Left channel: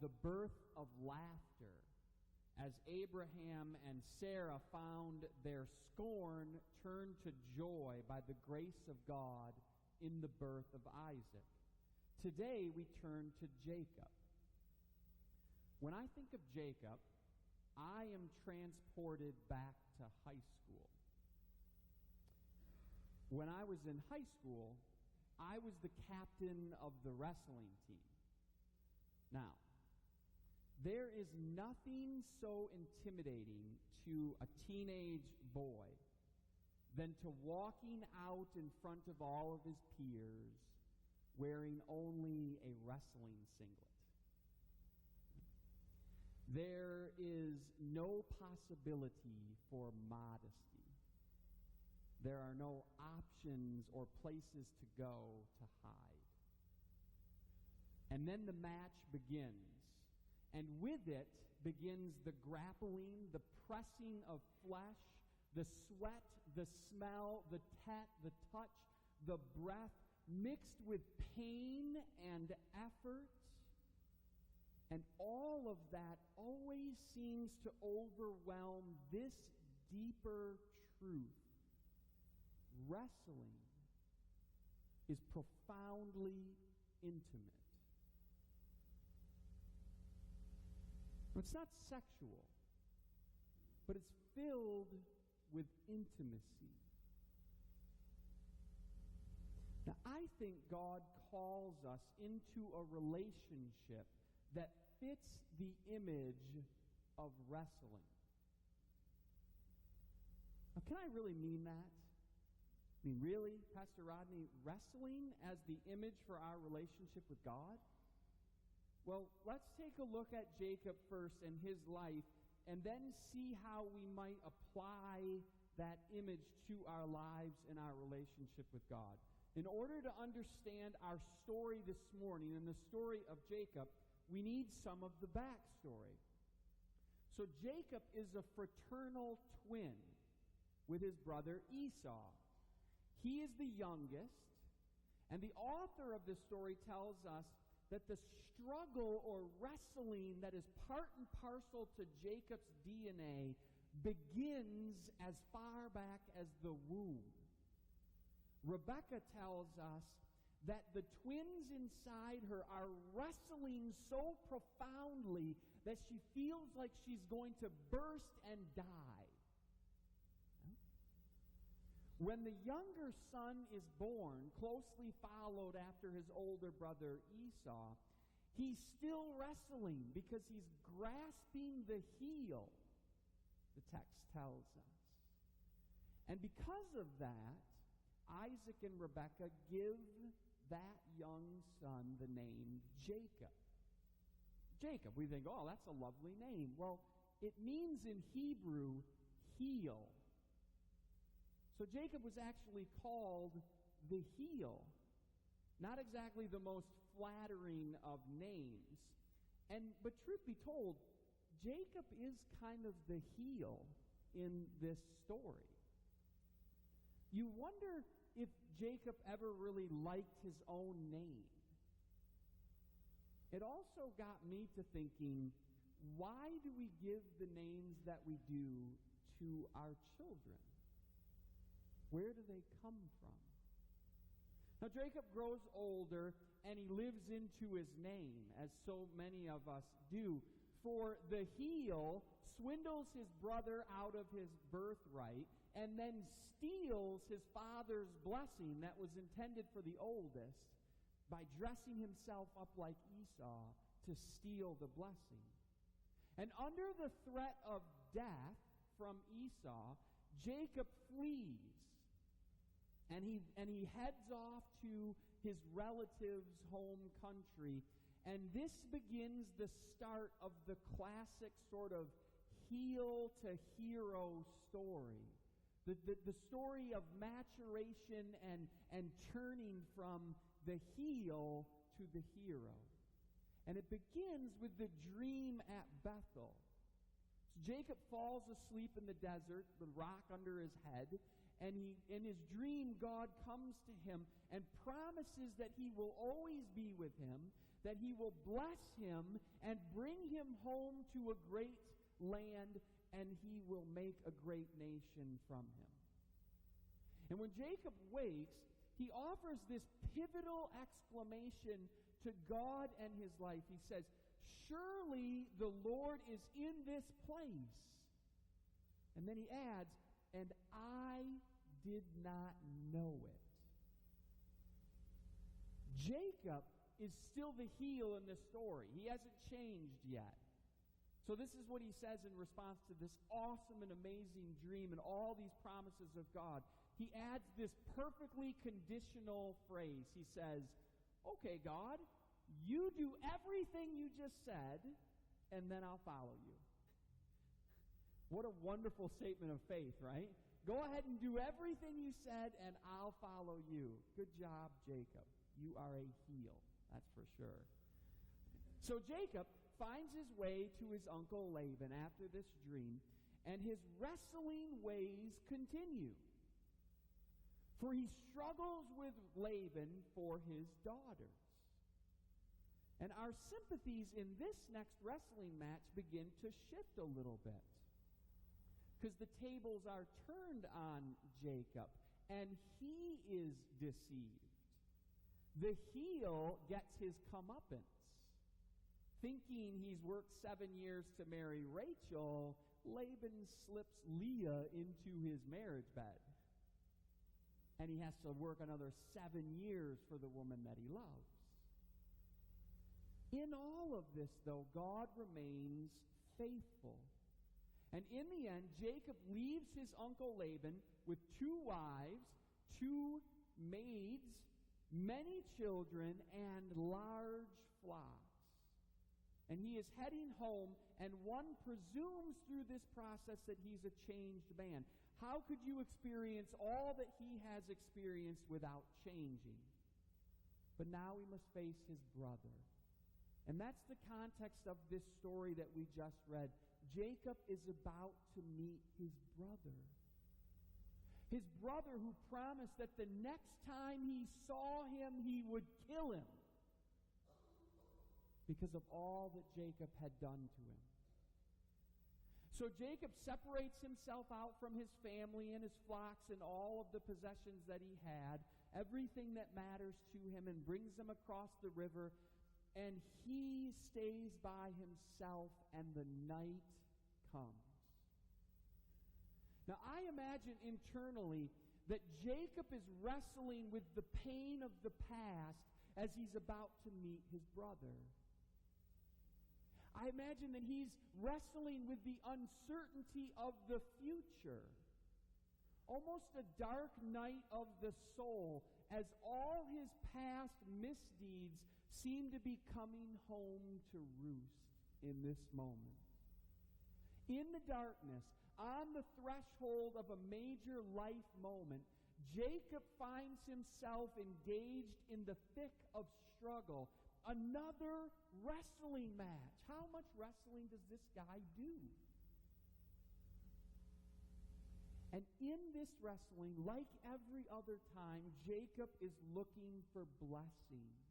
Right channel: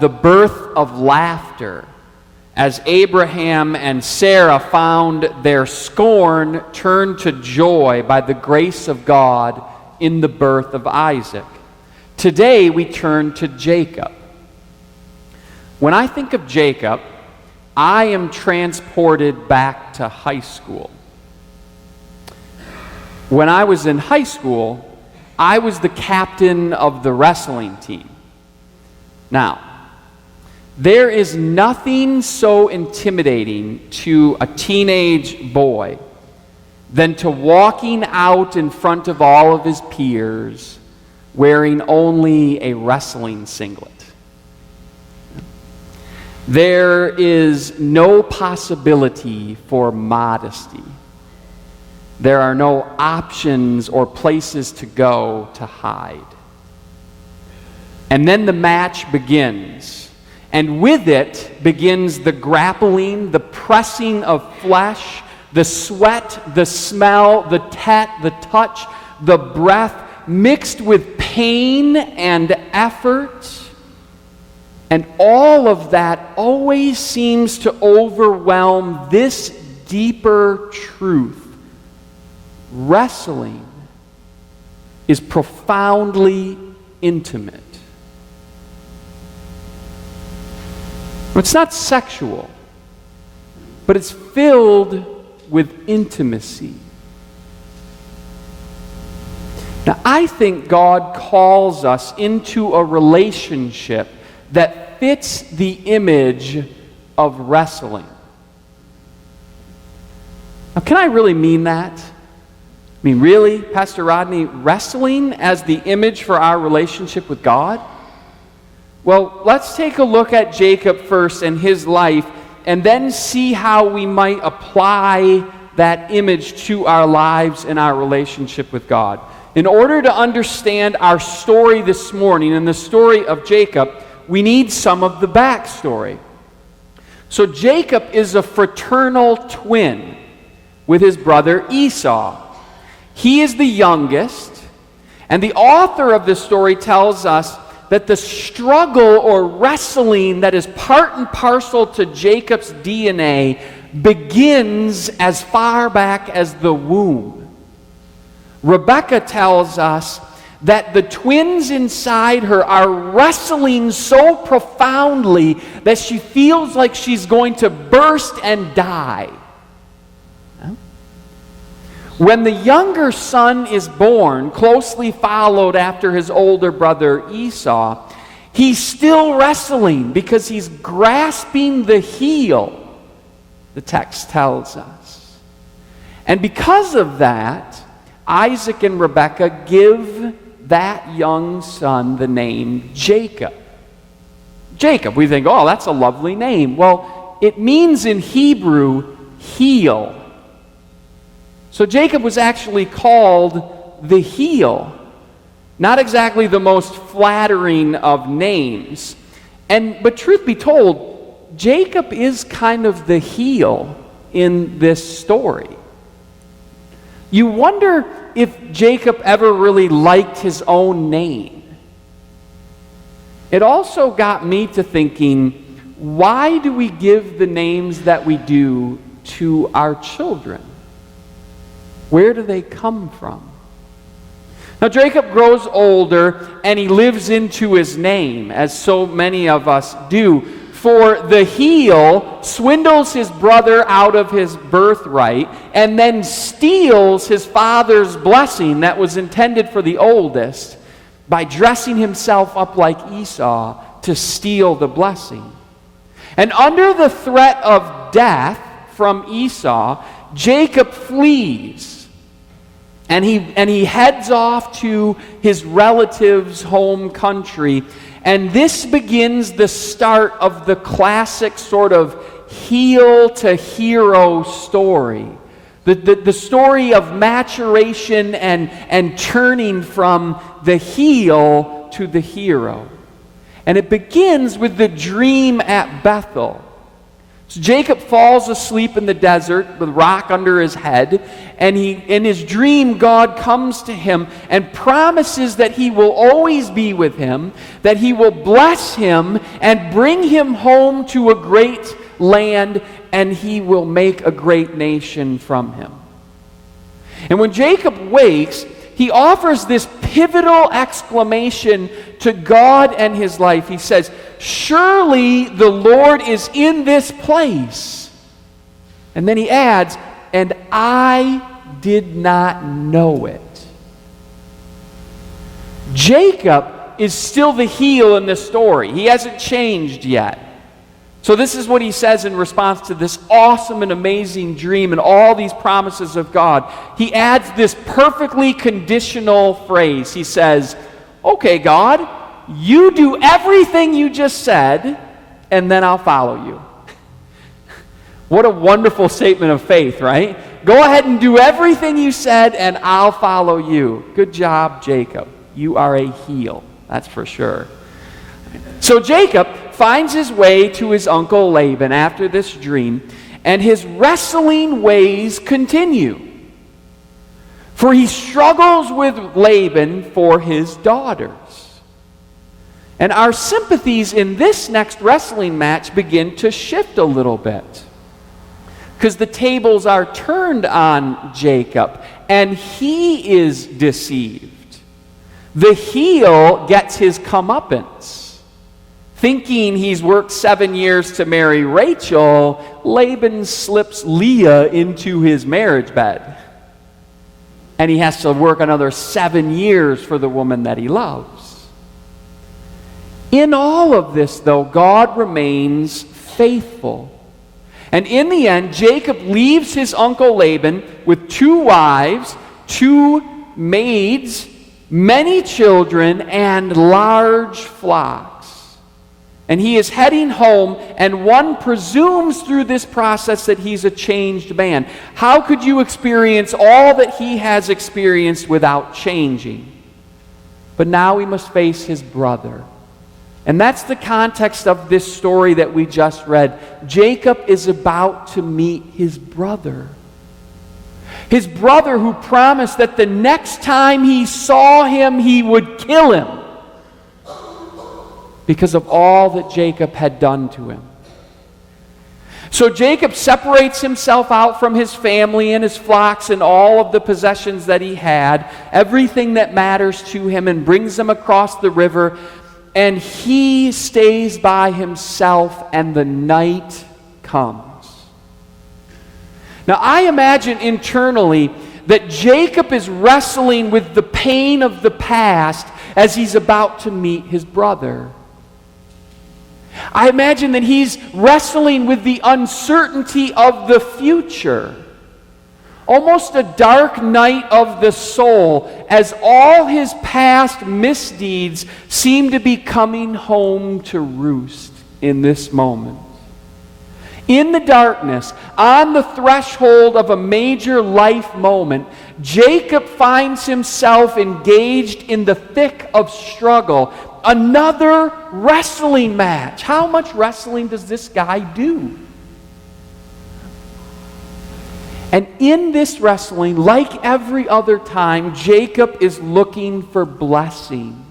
the birth of laughter, as Abraham and Sarah found their scorn turned to joy by the grace of God in the birth of Isaac. Today we turn to Jacob. When I think of Jacob, I am transported back to high school. When I was in high school, I was the captain of the wrestling team. Now, there is nothing so intimidating to a teenage boy than to walking out in front of all of his peers wearing only a wrestling singlet. There is no possibility for modesty. There are no options or places to go to hide. And then the match begins. And with it begins the grappling, the pressing of flesh, the sweat, the smell, the touch, the breath, mixed with pain and effort. And all of that always seems to overwhelm this deeper truth. Wrestling is profoundly intimate. It's not sexual, but it's filled with intimacy. Now, I think God calls us into a relationship that fits the image of wrestling. Now, can I really mean that? I mean, really, Pastor Rodney, wrestling as the image for our relationship with God? Well, let's take a look at Jacob first and his life, and then see how we might apply that image to our lives and our relationship with God. In order to understand our story this morning and the story of Jacob, we need some of the backstory. So Jacob is a fraternal twin with his brother Esau. He is the youngest, and the author of this story tells us that the struggle or wrestling that is part and parcel to Jacob's DNA begins as far back as the womb. Rebecca tells us that the twins inside her are wrestling so profoundly that she feels like she's going to burst and die. When the younger son is born, closely followed after his older brother Esau, he's still wrestling because he's grasping the heel, the text tells us. And because of that, Isaac and Rebekah give that young son the name Jacob. Jacob, we think, oh, that's a lovely name. Well, it means in Hebrew, heel. So Jacob was actually called the heel. Not exactly the most flattering of names. But truth be told, Jacob is kind of the heel in this story. You wonder if Jacob ever really liked his own name. It also got me to thinking, why do we give the names that we do to our children? Where do they come from? Now, Jacob grows older, and he lives into his name, as so many of us do. For the heel swindles his brother out of his birthright, and then steals his father's blessing that was intended for the oldest by dressing himself up like Esau to steal the blessing. And under the threat of death from Esau, Jacob flees. And he heads off to his relative's home country. And this begins the start of the classic sort of heel to hero story. The story of maturation and turning from the heel to the hero. And it begins with the dream at Bethel. So Jacob falls asleep in the desert with a rock under his head, and in his dream, God comes to him and promises that he will always be with him, that he will bless him and bring him home to a great land, and he will make a great nation from him. And when Jacob wakes, he offers this pivotal exclamation to God and his life. He says, "Surely the Lord is in this place." And then he adds, "And I did not know it." Jacob is still the heel in this story. He hasn't changed yet. So this is what he says in response to this awesome and amazing dream and all these promises of God. He adds this perfectly conditional phrase. He says, "Okay, God, you do everything you just said, and then I'll follow you." What a wonderful statement of faith, right? Go ahead and do everything you said, and I'll follow you. Good job, Jacob. You are a heel, that's for sure. So Jacob finds his way to his uncle Laban after this dream, and his wrestling ways continue. For he struggles with Laban for his daughters. And our sympathies in this next wrestling match begin to shift a little bit, because the tables are turned on Jacob, and he is deceived. The heel gets his comeuppance. Thinking he's worked 7 years to marry Rachel, Laban slips Leah into his marriage bed. And he has to work another 7 years for the woman that he loves. In all of this, though, God remains faithful. And in the end, Jacob leaves his uncle Laban with 2 wives, 2 maids, many children, and large flocks. And he is heading home, and one presumes through this process that he's a changed man. How could you experience all that he has experienced without changing? But now he must face his brother. And that's the context of this story that we just read. Jacob is about to meet his brother. His brother who promised that the next time he saw him, he would kill him, because of all that Jacob had done to him. So Jacob separates himself out from his family and his flocks and all of the possessions that he had, everything that matters to him, and brings them across the river, and he stays by himself, and the night comes. Now I imagine internally that Jacob is wrestling with the pain of the past as he's about to meet his brother. I imagine that he's wrestling with the uncertainty of the future. Almost a dark night of the soul, as all his past misdeeds seem to be coming home to roost in this moment. In the darkness, on the threshold of a major life moment, Jacob finds himself engaged in the thick of struggle. Another wrestling match. How much wrestling does this guy do? And in this wrestling, like every other time, Jacob is looking for blessing.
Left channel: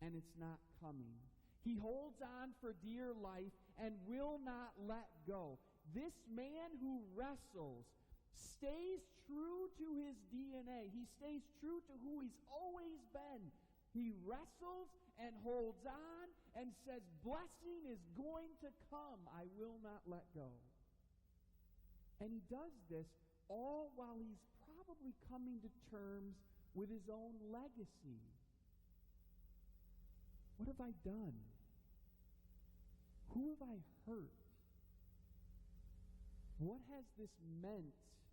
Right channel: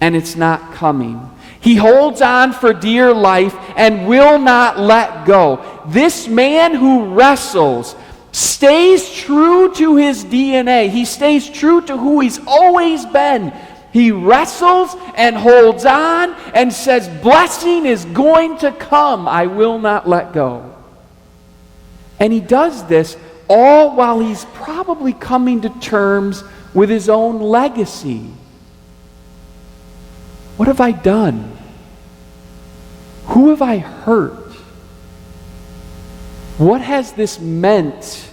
And it's not coming. He holds on for dear life and will not let go. This man who wrestles stays true to his DNA. He stays true to who he's always been. He wrestles and holds on and says, blessing is going to come. I will not let go. And he does this all while he's probably coming to terms with his own legacy. What have I done? Who have I hurt? What has this meant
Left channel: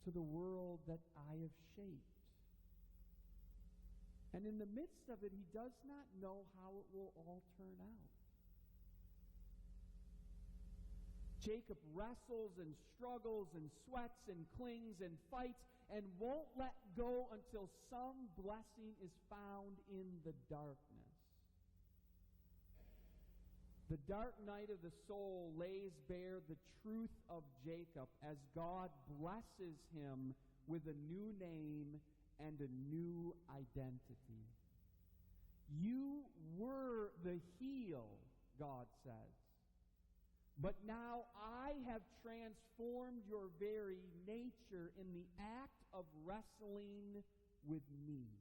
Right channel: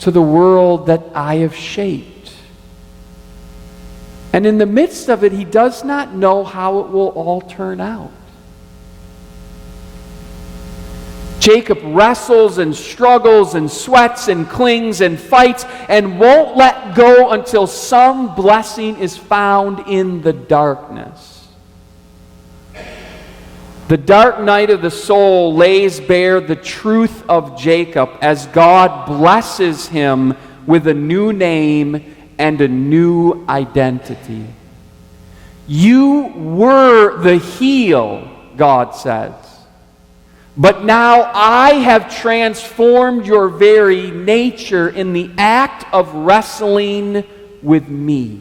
to the world that I have shaped? And in the midst of it, he does not know how it will all turn out. Jacob wrestles and struggles and sweats and clings and fights and won't let go until some blessing is found in the darkness. The dark night of the soul lays bare the truth of Jacob as God blesses him with a new name and a new identity. You were the heel, God says, but now I have transformed your very nature in the act of wrestling with me.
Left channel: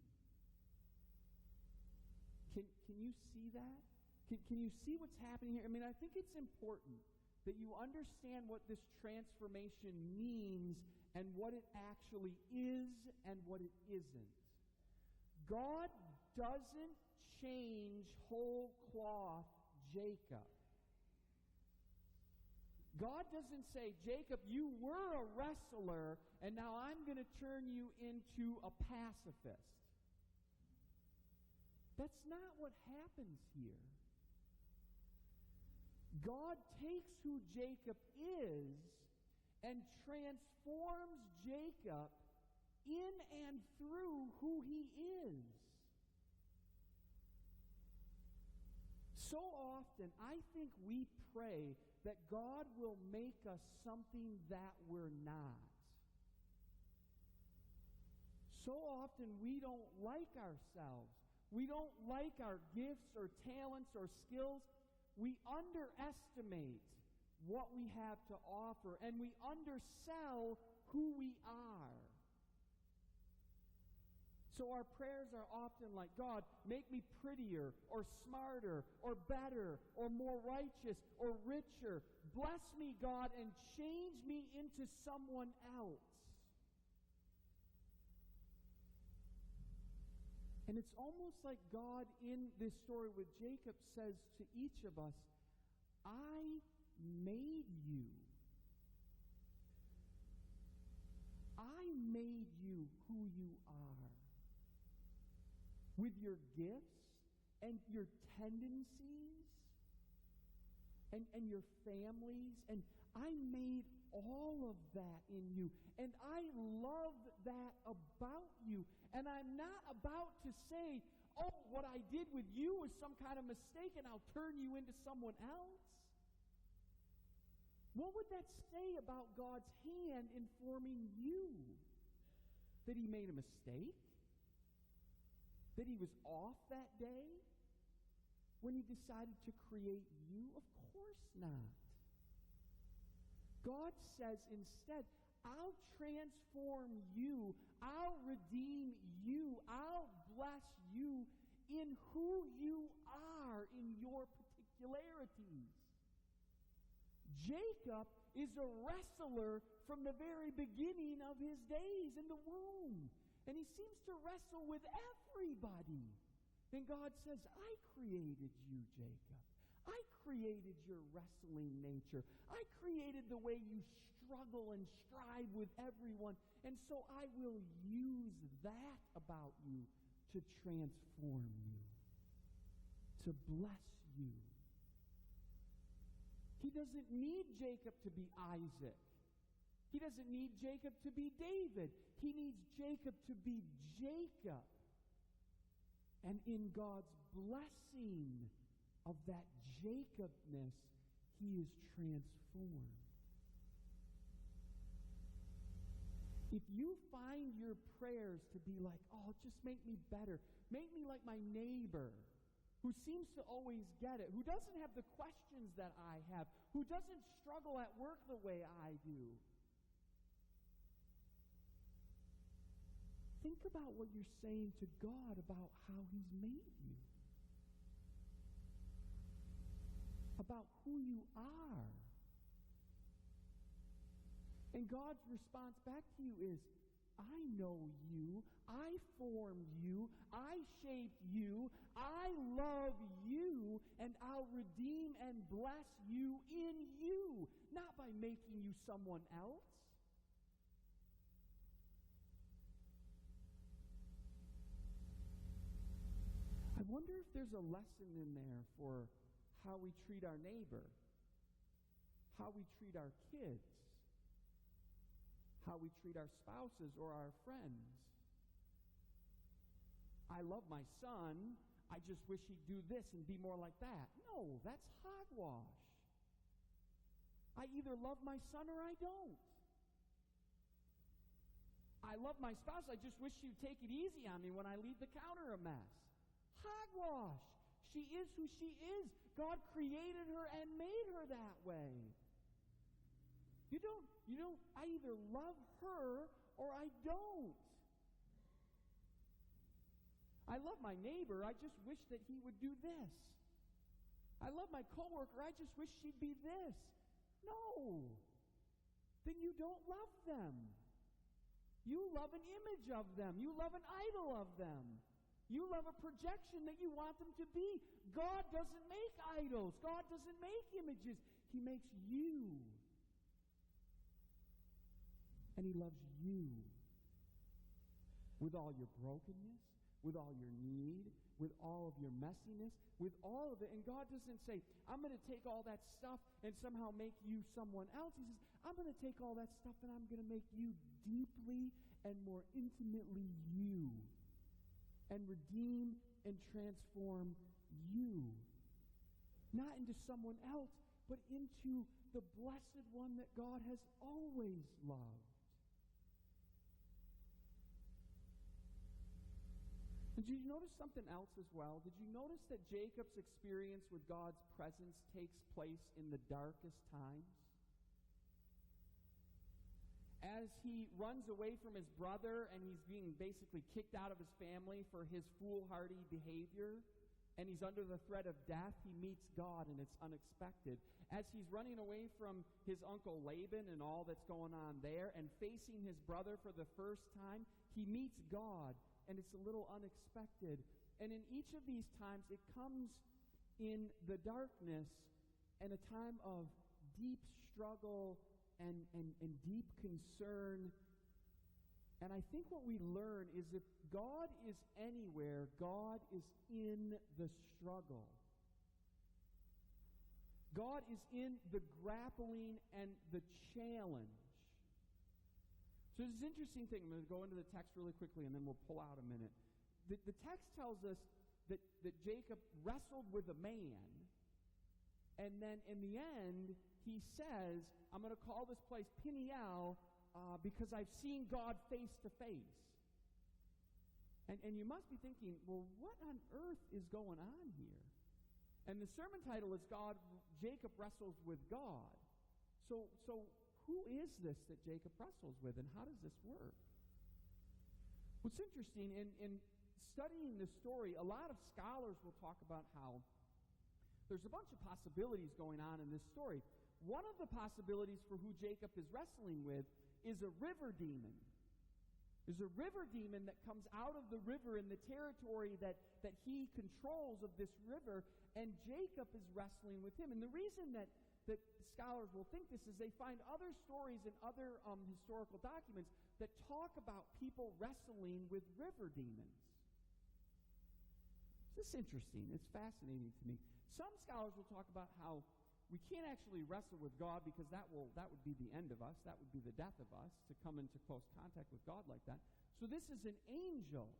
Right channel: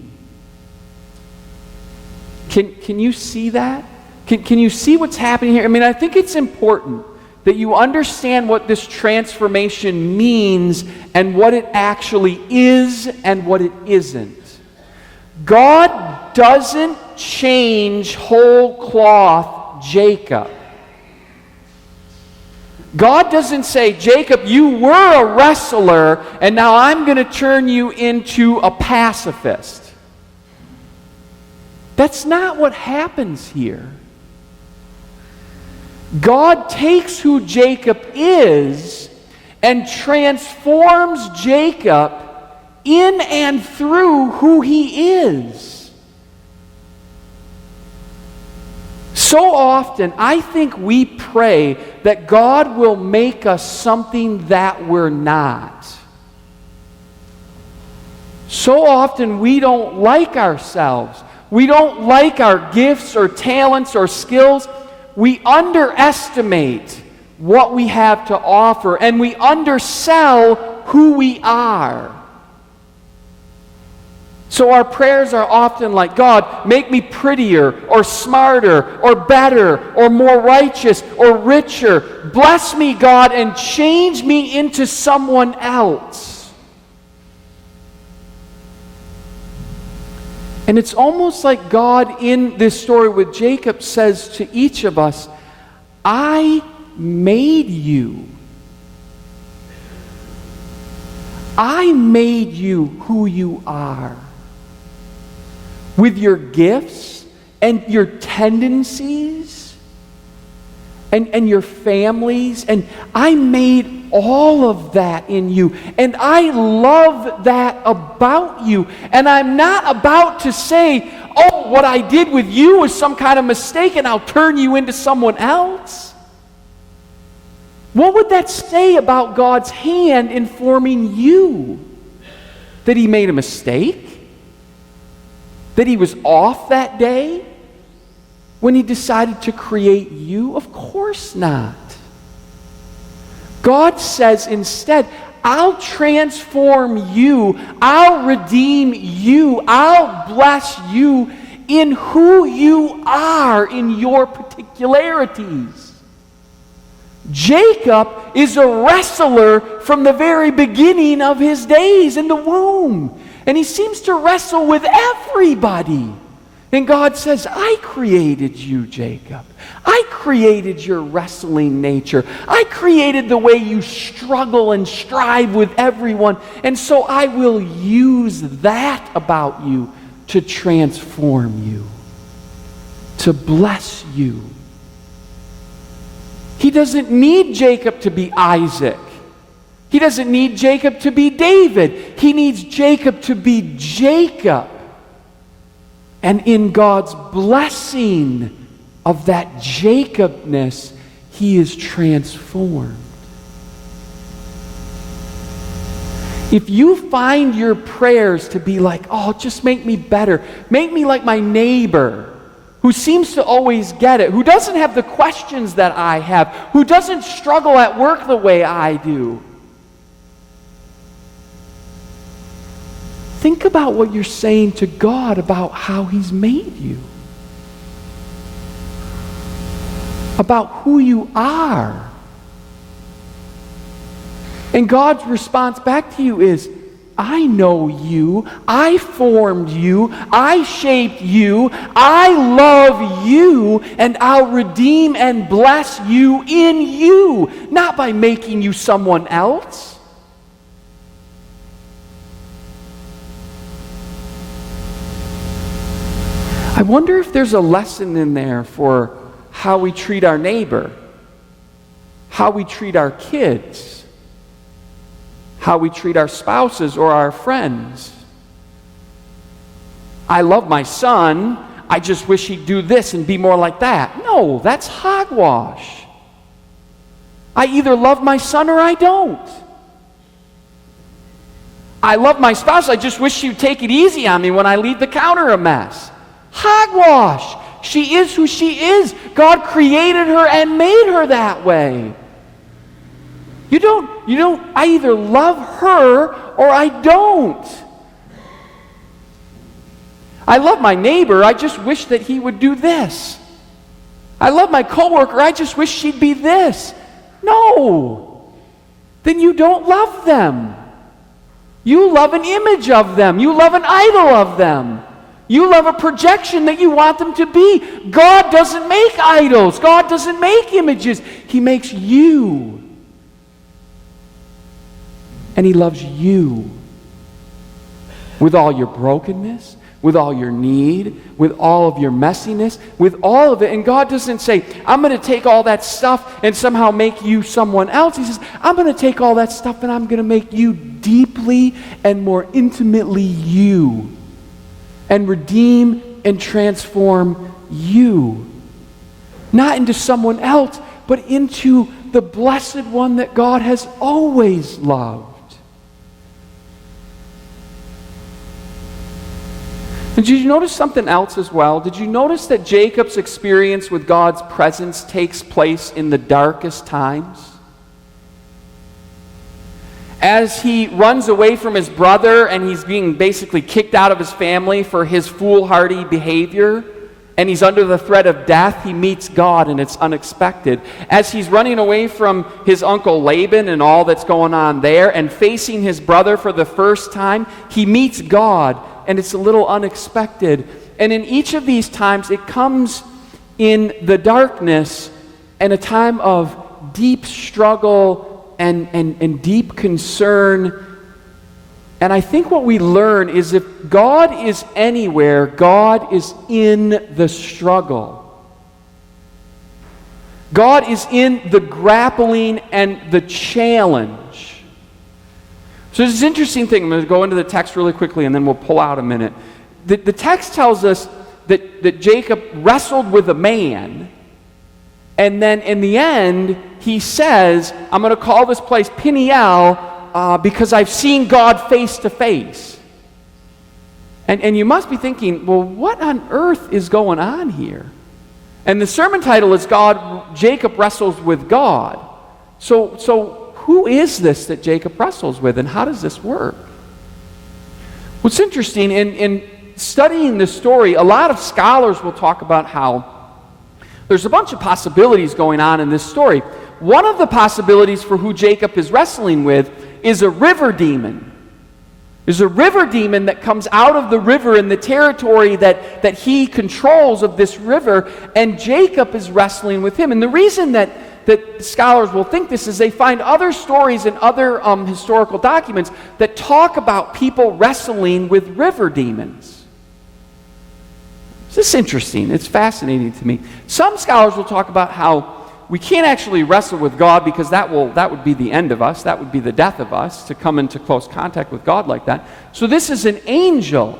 Can you see that? Can you see what's happening here? I mean, I think it's important that you understand what this transformation means and what it actually is and what it isn't. God doesn't change whole cloth Jacob. God doesn't say, Jacob, you were a wrestler, and now I'm going to turn you into a pacifist. That's not what happens here. God takes who Jacob is and transforms Jacob in and through who he is. So often, I think we pray that God will make us something that we're not. So often, we don't like ourselves. We don't like our gifts or talents or skills. We underestimate what we have to offer, and we undersell who we are. So our prayers are often like, God, make me prettier or smarter or better or more righteous or richer. Bless me, God, and change me into someone else. And it's almost like God in this story with Jacob says to each of us, I made you. I made you who you are. With your gifts and your tendencies and your families. And I made all of that in you. And I love that about you. And I'm not about to say, oh, what I did with you was some kind of mistake and I'll turn you into someone else. What would that say about God's hand in forming you? That he made a mistake? That he was off that day when he decided to create you? Of course not. God says instead, I'll transform you, I'll redeem you, I'll bless you in who you are in your particularities. Jacob is a wrestler from the very beginning of his days in the womb. And he seems to wrestle with everybody. And God says, I created you, Jacob. I created your wrestling nature. I created the way you struggle and strive with everyone. And so I will use that about you to transform you, to bless you. He doesn't need Jacob to be Isaac. He doesn't need Jacob to be David. He needs Jacob to be Jacob. And in God's blessing of that Jacobness, he is transformed. If you find your prayers to be like, oh, just make me better, make me like my neighbor, who seems to always get it, who doesn't have the questions that I have, who doesn't struggle at work the way I do, think about what you're saying to God about how he's made you. About who you are. And God's response back to you is, I know you, I formed you, I shaped you, I love you, and I'll redeem and bless you in you, not by making you someone else. I wonder if there's a lesson in there for how we treat our neighbor, how we treat our kids, how we treat our spouses or our friends. I love my son. I just wish he'd do this and be more like that. No, that's hogwash. I either love my son or I don't. I love my spouse, I just wish she would take it easy on me when I leave the counter a mess. Hogwash. She is who she is. God created her and made her that way. You don't, I either love her or I don't. I love my neighbor, I just wish that he would do this. I love my coworker, I just wish she'd be this. No. Then you don't love them. You love an image of them. You love an idol of them. You love a projection that you want them to be. God doesn't make idols. God doesn't make images. He makes you. And he loves you with all your brokenness, with all your need, with all of your messiness, with all of it. And God doesn't say, I'm going to take all that stuff and somehow make you someone else. He says, I'm going to take all that stuff and I'm going to make you deeply and more intimately you, and redeem and transform you. Not into someone else, but into the blessed one that God has always loved. And did you notice something else as well? Did you notice that Jacob's experience with God's presence takes place in the darkest times? As he runs away from his brother and he's being basically kicked out of his family for his foolhardy behavior, and he's under the threat of death, he meets God, and it's unexpected. As he's running away from his uncle Laban and all that's going on there, and facing his brother for the first time, he meets God, and it's a little unexpected. And in each of these times, it comes in the darkness and a time of deep struggle and deep concern. And I think what we learn is if God is anywhere, God is in the struggle. God is in the grappling and the challenge. So there's this interesting thing. I'm going to go into the text really quickly and then we'll pull out a minute. The text tells us that Jacob wrestled with a man, and then in the end, he says, I'm going to call this place Peniel because I've seen God face to face. And you must be thinking, well, what on earth is going on here? And the sermon title is Jacob Wrestles with God. So who is this that Jacob wrestles with, and how does this work? What's interesting, in studying this story, a lot of scholars will talk about how there's a bunch of possibilities going on in this story. One of the possibilities for who Jacob is wrestling with is a river demon. There's a river demon that comes out of the river in the territory that he controls of this river, and Jacob is wrestling with him. And the reason that scholars will think this is they find other stories and other historical documents that talk about people wrestling with river demons. This is interesting. It's fascinating to me. Some scholars will talk about how we can't actually wrestle with God because that would be the end of us. That would be the death of us, to come into close contact with God like that. So this is an angel,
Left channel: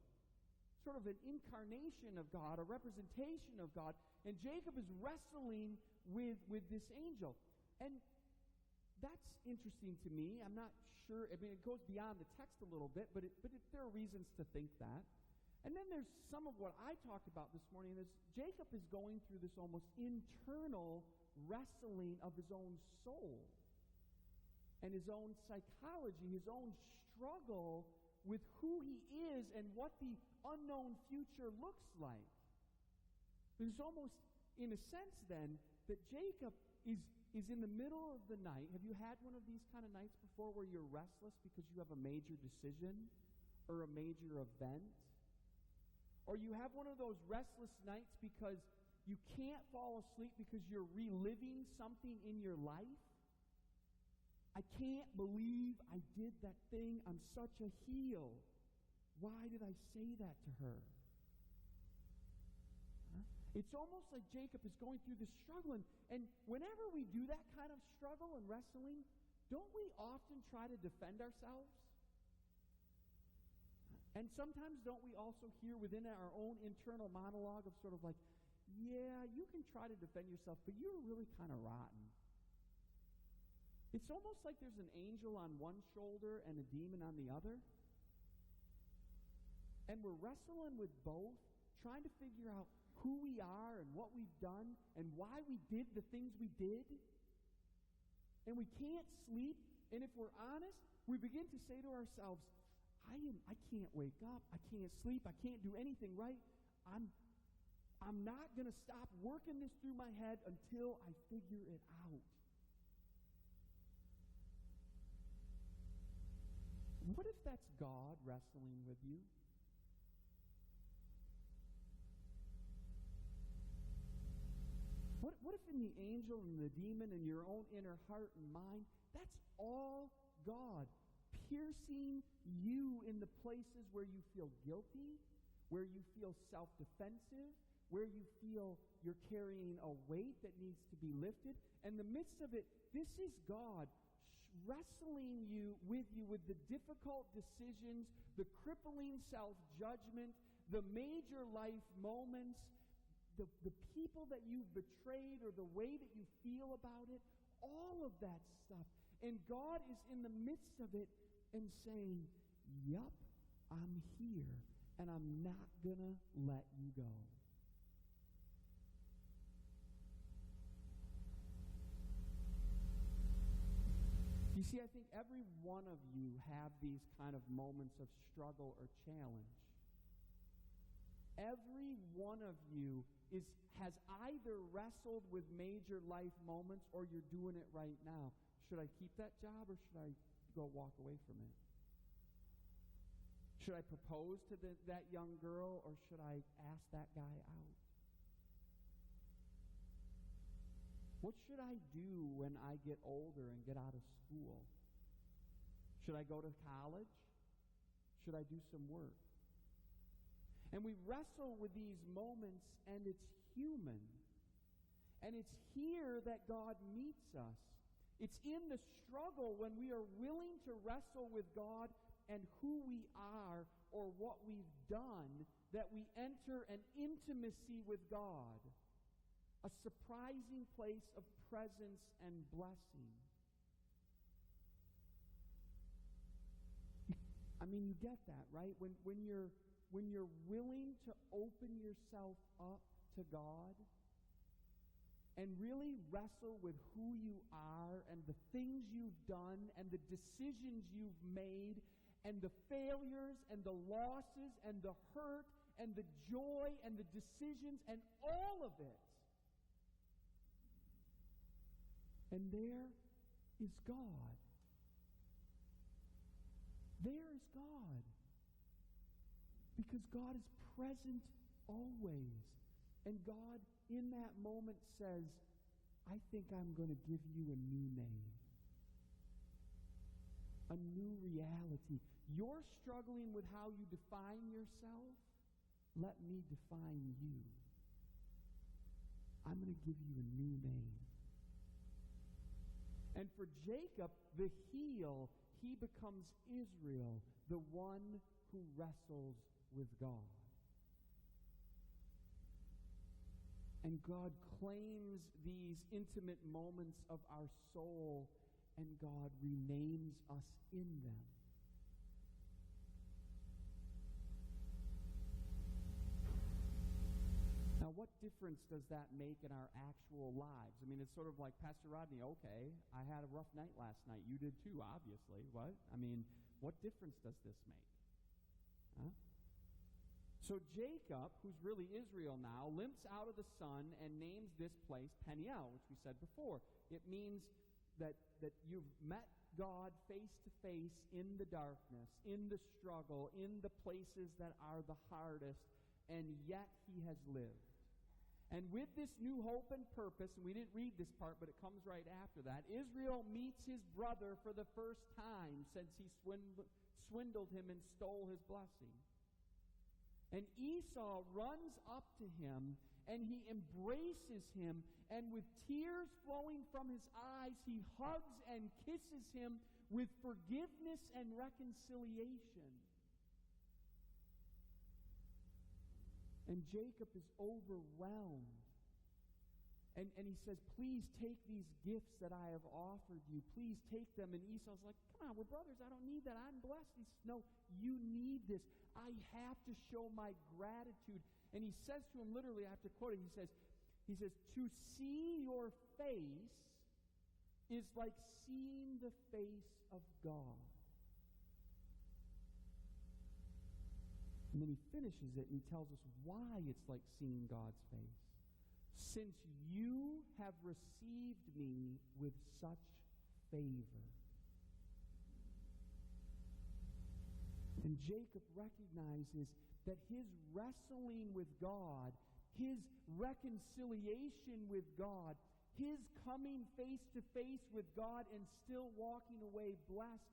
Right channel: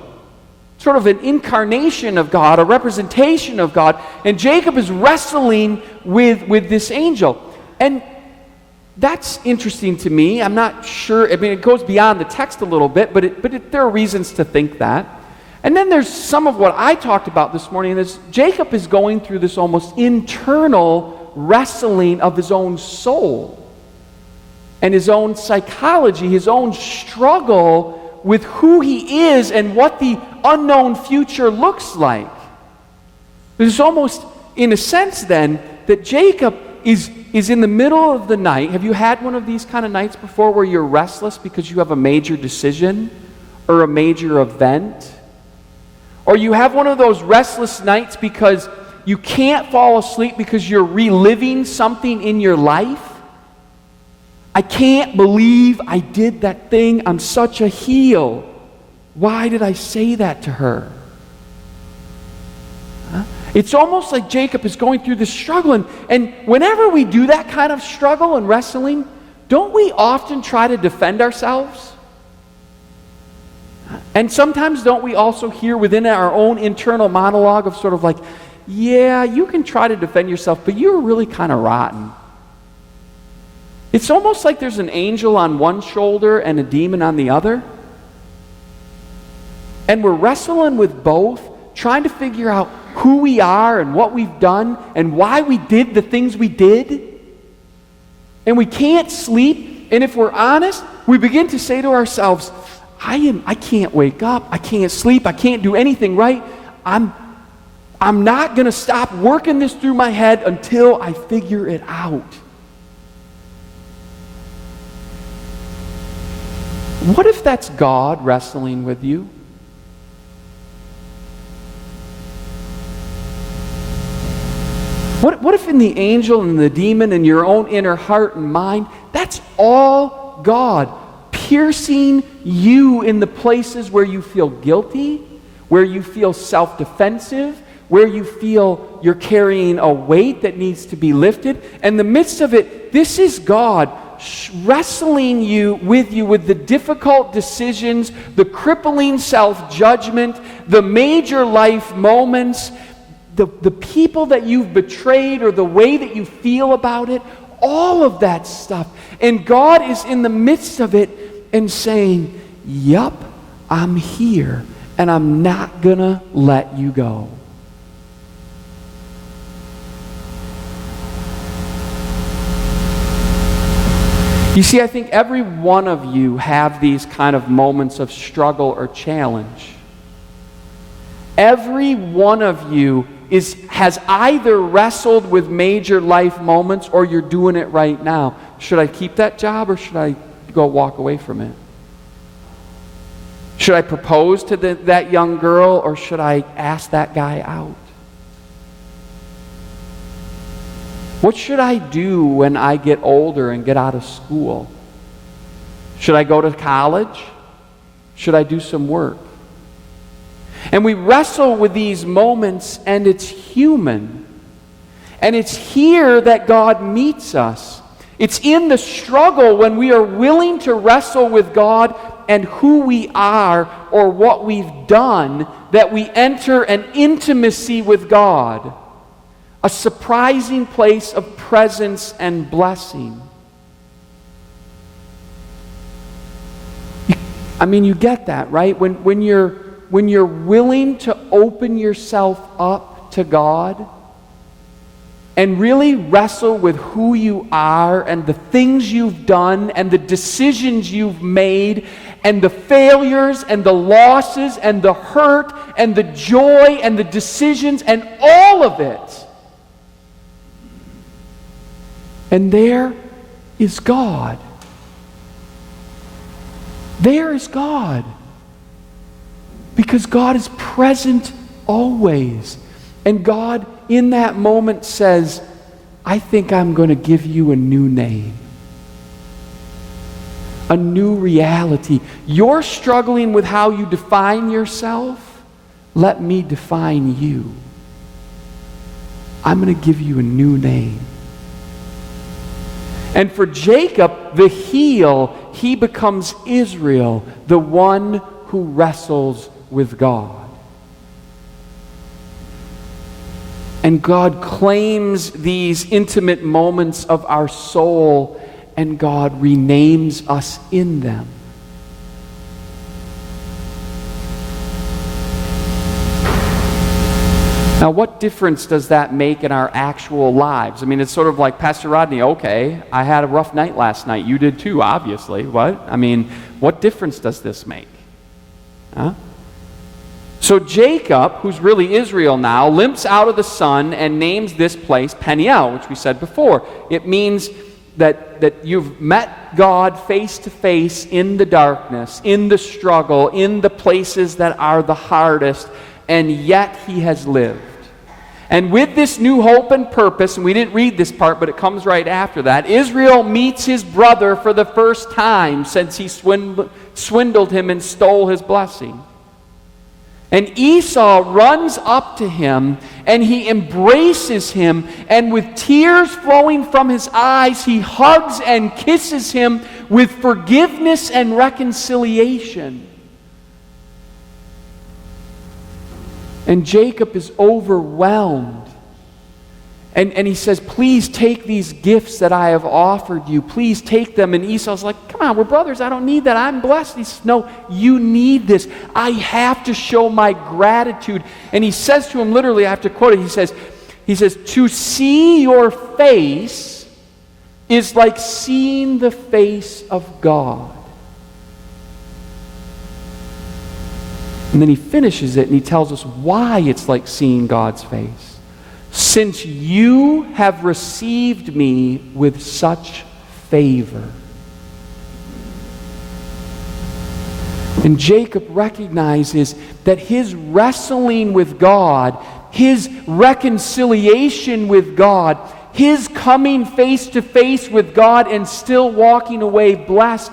sort of an incarnation of God, a representation of God. And Jacob is wrestling with this angel. And that's interesting to me. I'm not sure. I mean, it goes beyond the text a little bit, but there are reasons to think that. And then there's some of what I talked about this morning, is Jacob is going through this almost internal wrestling of his own soul and his own psychology, his own struggle with who he is and what the unknown future looks like. There's almost, in a sense then, that Jacob is in the middle of the night. Have you had one of these kind of nights before where you're restless because you have a major decision or a major event? Or you have one of those restless nights because you can't fall asleep because you're reliving something in your life? I can't believe I did that thing. I'm such a heel. Why did I say that to her? Huh? It's almost like Jacob is going through this struggle. And whenever we do that kind of struggle and wrestling, don't we often try to defend ourselves? And sometimes don't we also hear within our own internal monologue of sort of like, yeah, you can try to defend yourself, but you're really kind of rotten. It's almost like there's an angel on one shoulder and a demon on the other. And we're wrestling with both, trying to figure out who we are and what we've done and why we did the things we did. And we can't sleep. And if we're honest, we begin to say to ourselves, I can't wake up. I can't sleep. I can't do anything right. I'm not going to stop working this through my head until I figure it out. What if that's God wrestling with you? What if in the angel and the demon and your own inner heart and mind, that's all God, piercing you in the places where you feel guilty, where you feel self-defensive, where you feel you're carrying a weight that needs to be lifted. And in the midst of it, this is God wrestling with the difficult decisions, the crippling self-judgment, the major life moments, the people that you've betrayed or the way that you feel about it, all of that stuff. And God is in the midst of it and saying, yup, I'm here and I'm not gonna let you go. You see, I think every one of you have these kind of moments of struggle or challenge. Every one of you has either wrestled with major life moments or you're doing it right now. Should I keep that job or should I go walk away from it? Should I propose to that young girl or should I ask that guy out? What should I do when I get older and get out of school? Should I go to college? Should I do some work? And we wrestle with these moments, and it's human. And it's here that God meets us. It's in the struggle when we are willing to wrestle with God and who we are or what we've done that we enter an intimacy with God, a surprising place of presence and blessing. I mean, you get that, right? When you're willing to open yourself up to God and really wrestle with who you are and the things you've done and the decisions you've made and the failures and the losses and the hurt and the joy and the decisions and all of it. And there is God. There is God. Because God is present always. And God, in that moment, says, I think I'm going to give you a new name. A new reality. You're struggling with how you define yourself. Let me define you. I'm going to give you a new name. And for Jacob, the heel, he becomes Israel, the one who wrestles with God. And God claims these intimate moments of our soul, and God renames us in them. Now, what difference does that make in our actual lives? I mean, it's sort of like, Pastor Rodney, okay, I had a rough night last night. You did too, obviously. What? I mean, what difference does this make? Huh? So Jacob, who's really Israel now, limps out of the sun and names this place Peniel, which we said before. It means that you've met God face to face in the darkness, in the struggle, in the places that are the hardest, and yet he has lived. And with this new hope and purpose, and we didn't read this part, but it comes right after that, Israel meets his brother for the first time since he swindled him and stole his blessing. And Esau runs up to him, and he embraces him, and with tears flowing from his eyes, he hugs and kisses him with forgiveness and reconciliation. And Jacob is overwhelmed. And he says, please take these gifts that I have offered you. Please take them. And Esau's like, come on, we're brothers. I don't need that. I'm blessed. He says, no, you need this. I have to show my gratitude. And he says to him, literally, I have to quote it. He says, to see your face is like seeing the face of God. And then he finishes it and he tells us why it's like seeing God's face. Since you have received me with such favor. And Jacob recognizes that his wrestling with God, his reconciliation with God, his coming face to face with God and still walking away blessed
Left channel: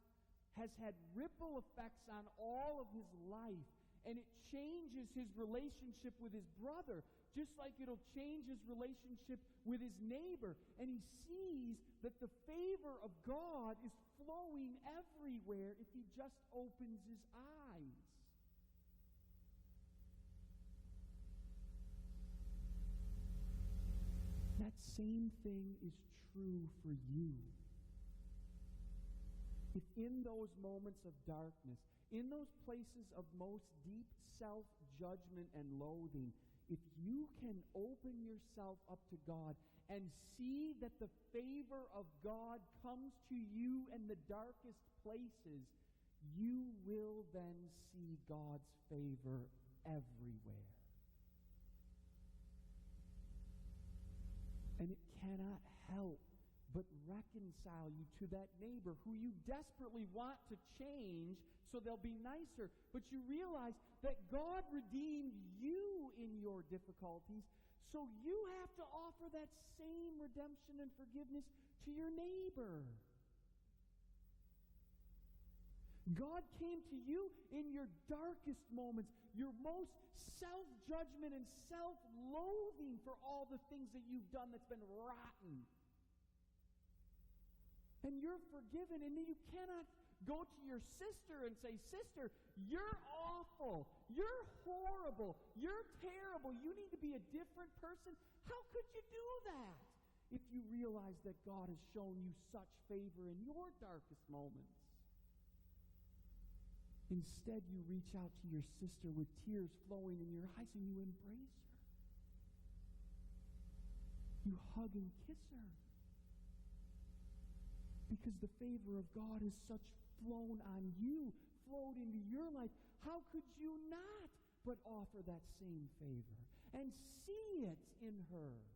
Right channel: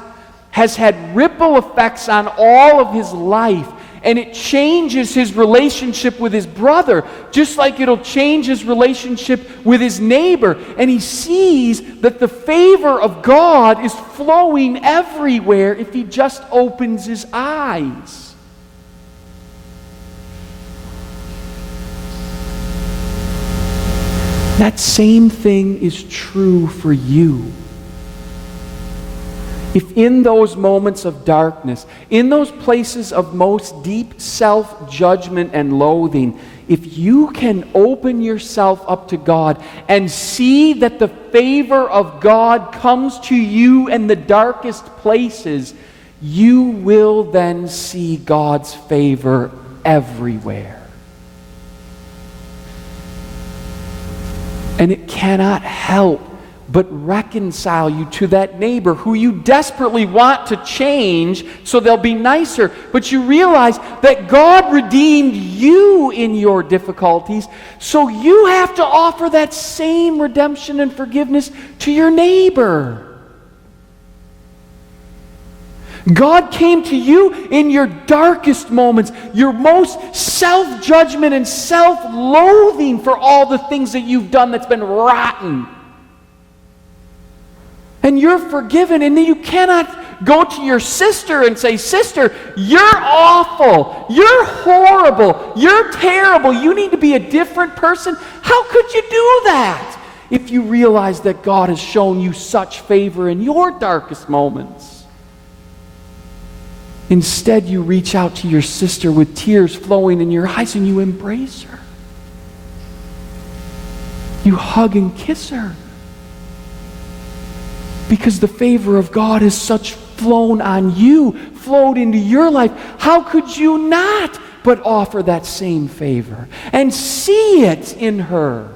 has had ripple effects on all of his life. And it changes his relationship with his brother, just like it'll change his relationship with his neighbor. And he sees that the favor of God is flowing everywhere if he just opens his eyes. That same thing is true for you. If in those moments of darkness, in those places of most deep self-judgment and loathing, if you can open yourself up to God and see that the favor of God comes to you in the darkest places, you will then see God's favor everywhere. And it cannot help but reconcile you to that neighbor who you desperately want to change so they'll be nicer. But you realize that God redeemed you in your difficulties, so you have to offer that same redemption and forgiveness to your neighbor. God came to you in your darkest moments, your most self-judgment and self-loathing for all the things that you've done that's been rotten. And you're forgiven, and then you cannot go to your sister and say, sister, you're awful, you're horrible, you're terrible, you need to be a different person. How could you do that if you realize that God has shown you such favor in your darkest moments? Instead, you reach out to your sister with tears flowing in your eyes and you embrace her. You hug and kiss her. Because the favor of God is such flown on you, flowed into your life. How could you not but offer that same favor and see it in her?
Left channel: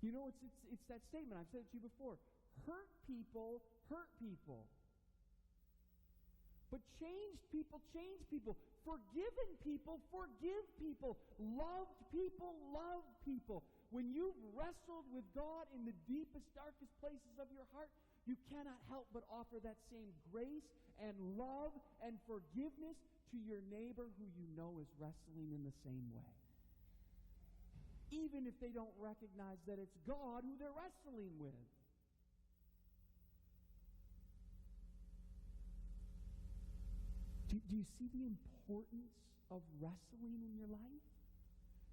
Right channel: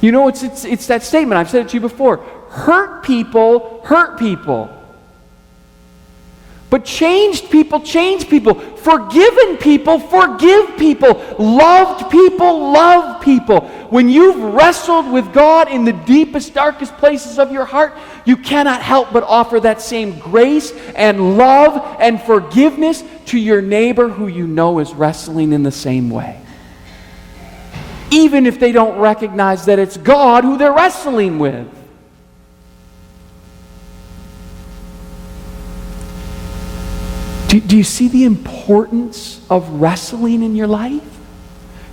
You know, it's that statement. I've said it to you before. Hurt people hurt people. But changed people change people. Forgiven people forgive people. Loved people love people. When you've wrestled with God in the deepest, darkest places of your heart, you cannot help but offer that same grace and love and forgiveness to your neighbor who you know is wrestling in the same way. Even if they don't recognize that it's God who they're wrestling with. Do you see the importance of wrestling in your life?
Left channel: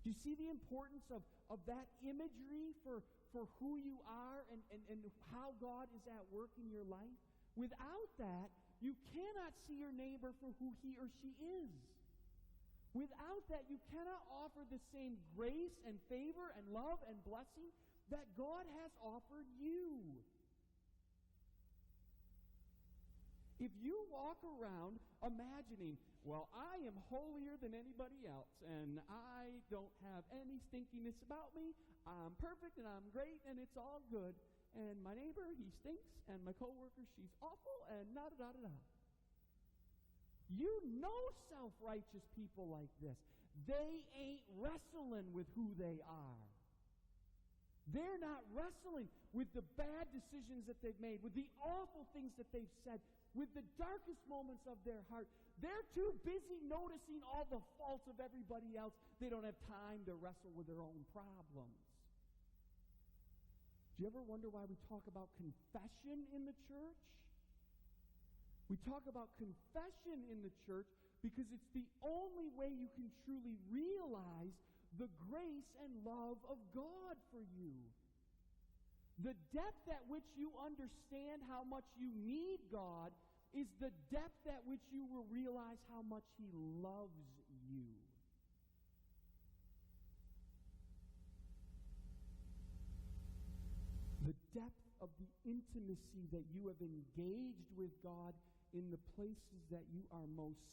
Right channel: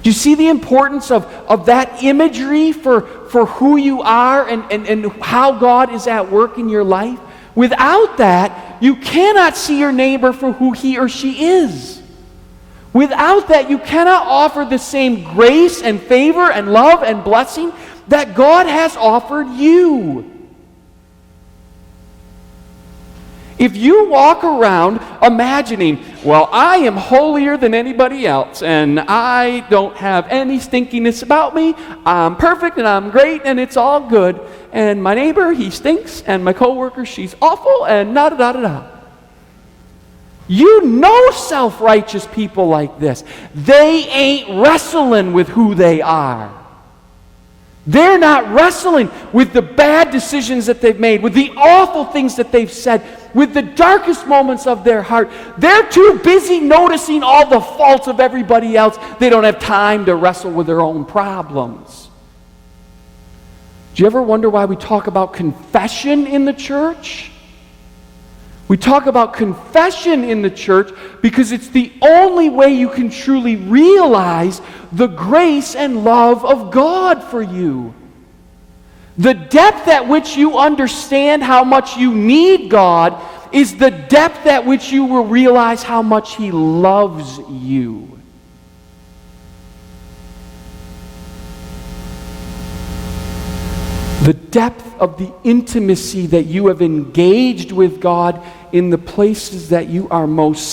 Do you see the importance of that imagery for who you are and how God is at work in your life? Without that, you cannot see your neighbor for who he or she is. Without that, you cannot offer the same grace and favor and love and blessing that God has offered you. If you walk around imagining, well, I am holier than anybody else, and I don't have any stinkiness about me, I'm perfect and I'm great and it's all good, and my neighbor, he stinks, and my coworker, she's awful, and da-da-da-da-da. You know self-righteous people like this. They ain't wrestling with who they are. They're not wrestling with the bad decisions that they've made, with the awful things that they've said, with the darkest moments of their heart. They're too busy noticing all the faults of everybody else. They don't have time to wrestle with their own problems. Do you ever wonder why we talk about confession in the church? We talk about confession in the church because it's the only way you can truly realize the grace and love of God for you. The depth at which you understand how much you need God is the depth at which you will realize how much He loves you. The depth of the intimacy that you have engaged with God in the places that you are most